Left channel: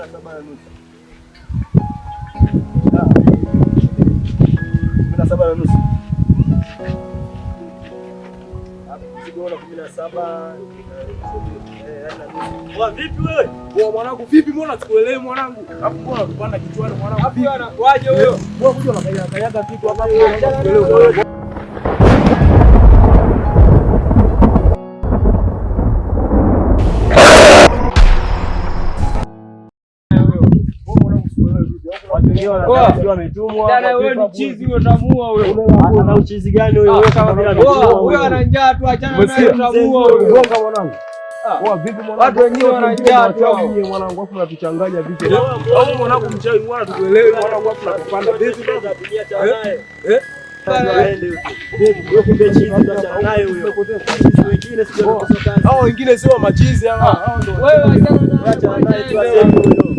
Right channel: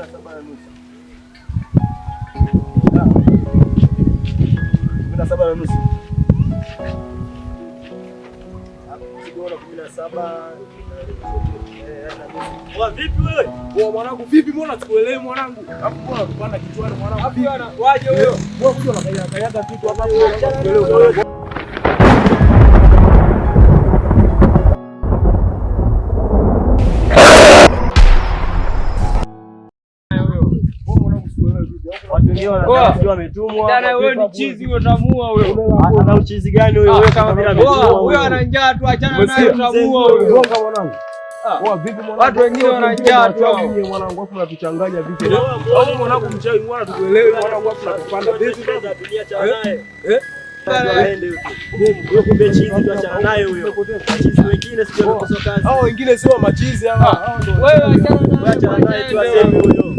17:30. Vipi wewe? Mwanangu vipi, mbona sikuelewi mwanangu? Hapo mbona unapanda kichwani mwanangu? Wapi anakuaje huyo? Wewe kuja unakanyaga kitu hapa hapo. Watu wengine wanasema wametumwa. Dada wewe ni chizi utamua wewe. Ana uchizi gani wewe? Wewe kama vile ametumwa. Wewe ana njaa tu, achana naye utamua wewe. Gonga mwanangu. Vipi mwanangu? Watu wengine wana njaa tu mwanangu, afu unatuchanganya vipi? Au mwanangu mchawi mwana tukuelewe mwanangu, afu unatupanda vipi baba? Dunia cha naye. Aende huyo. Kumbe chizi tu, achana naye huyo. Chizi wengine sio wanakosa kazi. Hao wengine sio machizi hawa. Hao ndio. Wewe achana naye tu, aseme huyo.